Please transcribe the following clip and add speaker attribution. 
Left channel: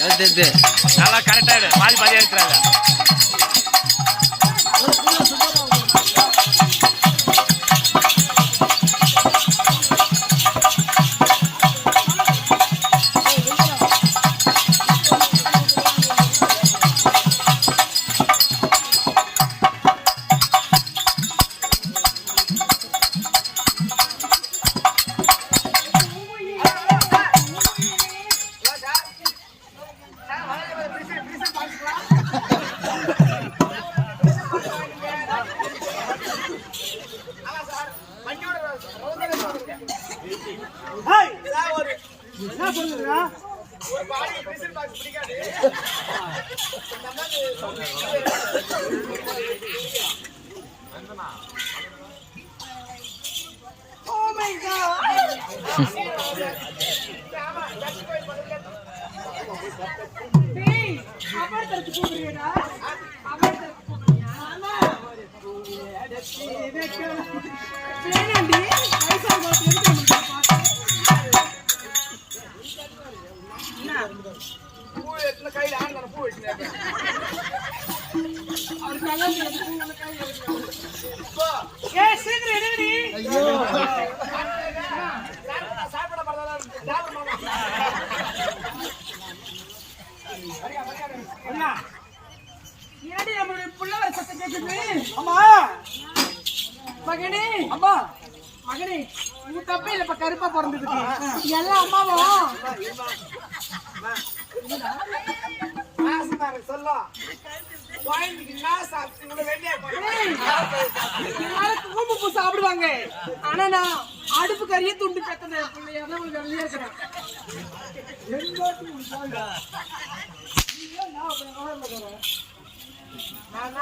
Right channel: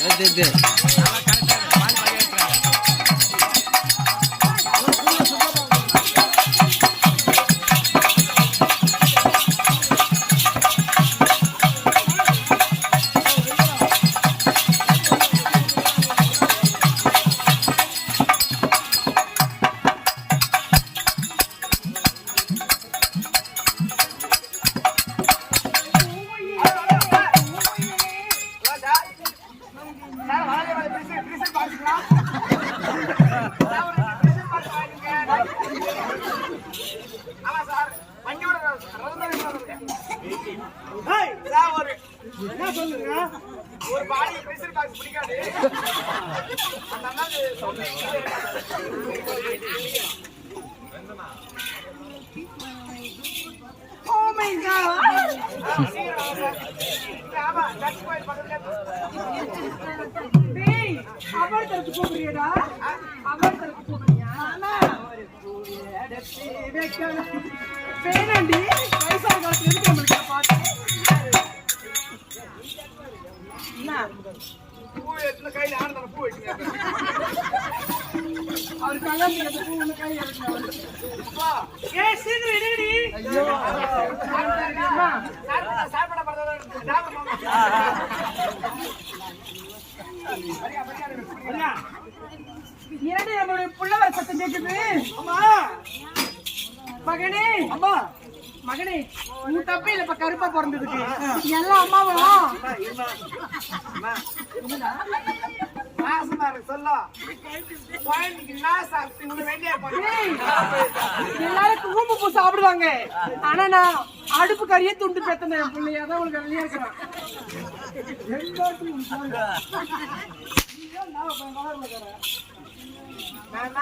Speaker 1: தெரியுது
Speaker 2: நல்லா கரெக்டா பாதி எடுத்துறாங்க
Speaker 3: ஒரு பாடி பிடிக்காது அந்த அண்ணாக்கு
Speaker 4: Oh my god! அவர் தரத்து? அவர் தரத்து?
Speaker 3: பூ கையில
Speaker 4: ஏன்டி நம்மளுடைய புள்ளவர் சத்தம் கேக்குது?
Speaker 3: அம்மா
Speaker 4: மகனே
Speaker 3: அம்மா
Speaker 4: மகனே உன் தப்பே இல்லப்பா கருப்பா பிறந்ததுக்கு. எல்லாம் அம்மாவும்
Speaker 3: அம்மா இருமா அம்மா. மாசமா இருக்கு சொல்ல. குழந்தைக்கு நான் சாப்பிட்டு இவ்வளவு வெளியே போய்
Speaker 4: ஏய், எல்லாரும் குங்கும பூ சாப்பிடுவாங்க. ஆனா நான் அடுப்பு கறியே துண்டு பெத்தன என் பிள்ளையா தான் உங்களுக்கு இருக்கிறேன்.
Speaker 3: நான்